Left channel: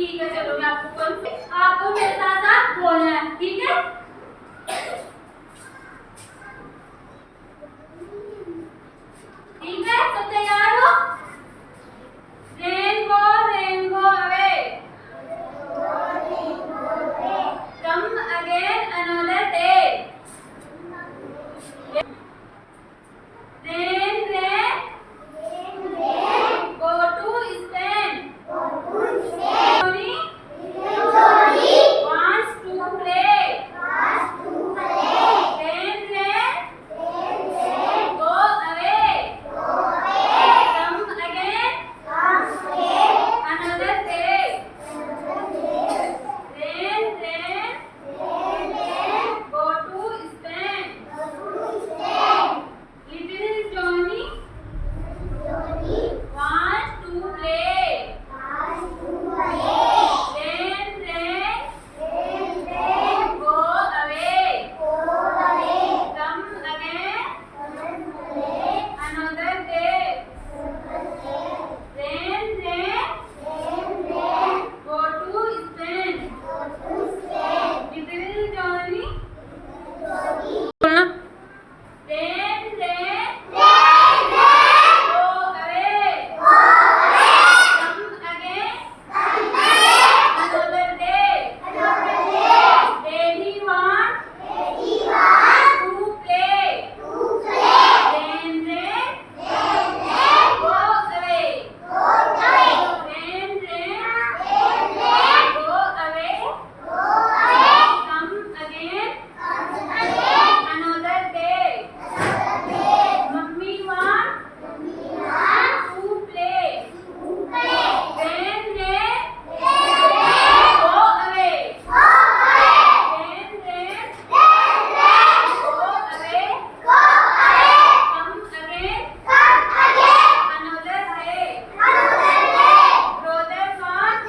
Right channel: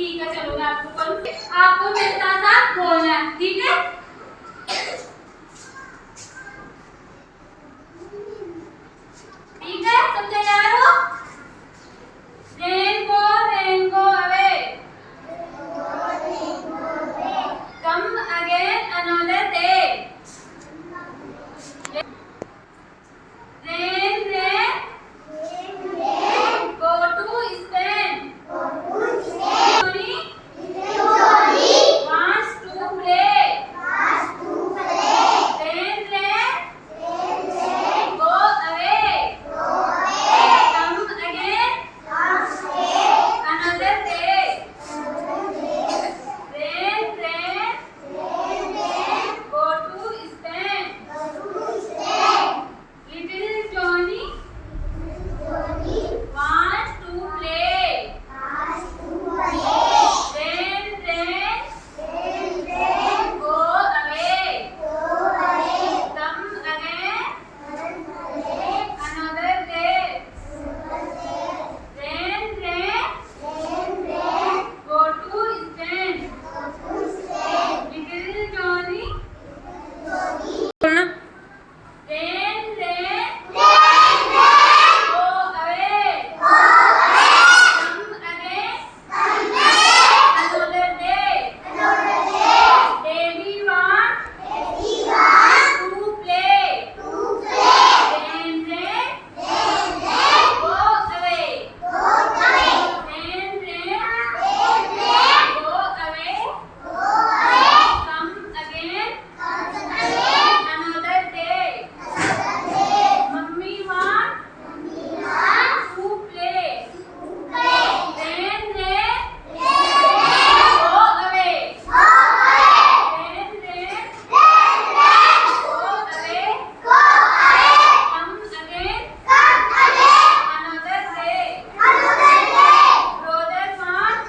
ठीक है, चलो मैं आपको मेरे साथ साथ बोलना है, ठीक है? ठीक है, सब तैयार हो? Rainbow rainbow away, come again another day. Rain, rain, go to Spain. Johnny wants to play. Rain, rain, go away. Come again another day. Rain, rain, go to Spain. Little Johnny wants to play. Rain, rain, go away. Come again another day. Rain, rain, go to Spain. Little Johnny बोलना। Rain, rain, go away. Come again another day. Daddy want to play. Rain, rain, go away. Rain, rain, go away. Come again another day. Mummy want to play. Rain, rain, go away. Rain, rain, go away. Come again another day. Brother want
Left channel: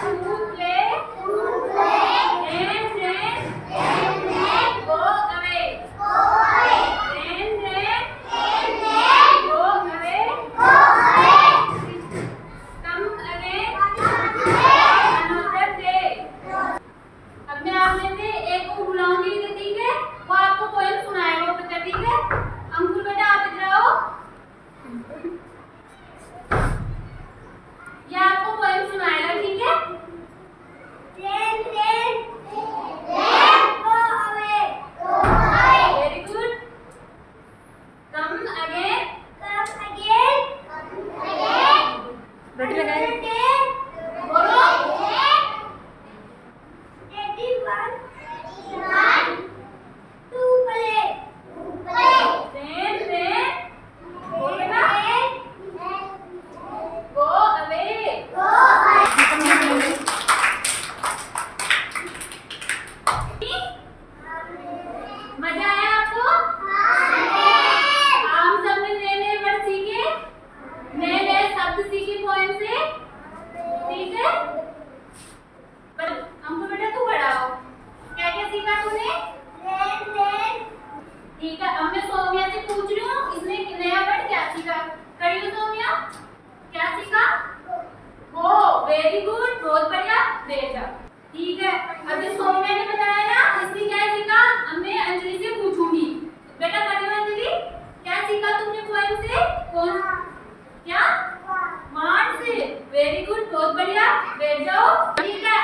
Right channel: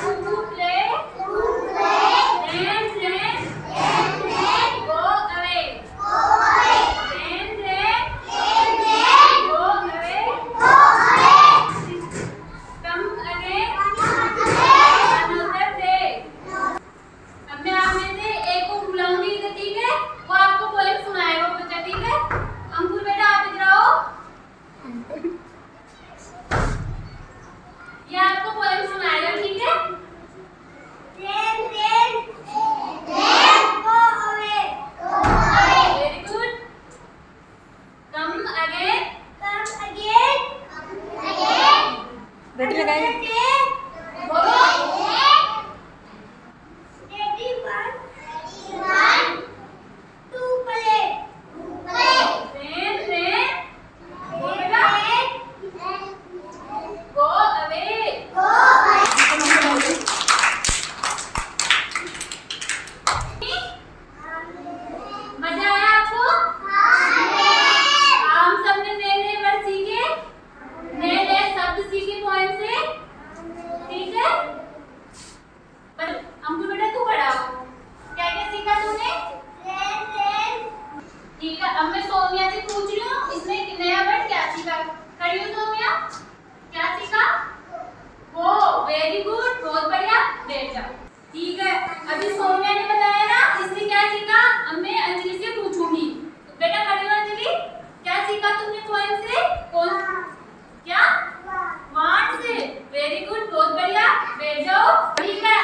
to play. Rain, rain, go away. Rain, rain, go away. Come again another day. अब मैं आप में से एक को बुलाऊंगी, ठीक है? वो आपको पोएम सुनाएगा बच्चा, ठीक है? अंकुर बेटा आप इधर आओ। ये आपको पोएम सुनाएगा, ठीक है? Very good. Come again. रोटी लगाए बोलो। Rain, rain, go बेटा, go away. मजा आया आपको? हम सब ने नए नए वर्ड सीखे, नए नए शब्द सीखे पोएम से, ठीक है? पर हमको बेटा तू पढ़ाओ, क्या क्या सीखा तूने? ठीक है, अब मैं सौम्या से पूछ रही हूँ, इसने नया वर्ड क्या सीखा? खड़ी हो सौम्या, क्या सीखा? वो वेरी गुड, बहुत बढ़िया, बैठ जाओ। ठीक है, अभी सौम्या ने बताया ना, इसने क्या सीखा? अब मैं अंजलि से पूछूंगी। बेटा खड़ी हो अंजलि, क्या सीखा तुमने पोएम से? कौन क्या? वांट से, वेरी गुड, बहुत बढ़िया, बैठ जाओ। ठीक है,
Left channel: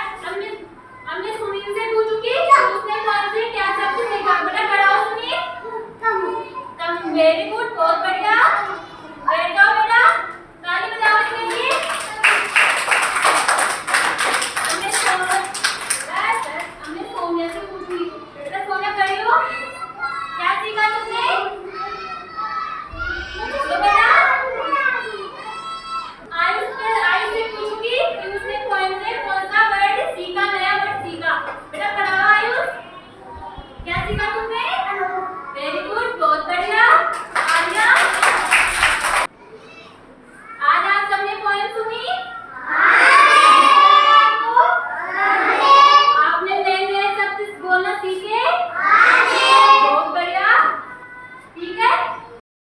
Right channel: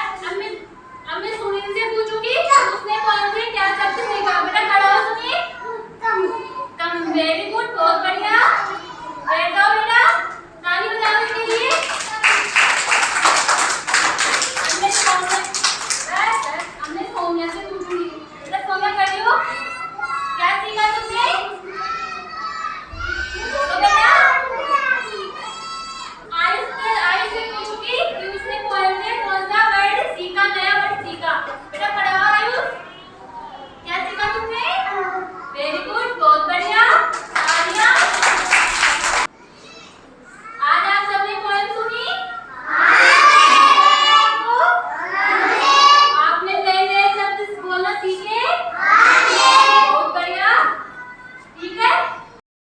अब मैं सुनील से पूछूंगी, उसने पोएम से क्या शब्द सीखा? बेटा खड़ा हो सुनील। कम, वेरी गुड, बहुत बढ़िया, बैठ जाओ बेटा, ताली बजाओ इसके लिए।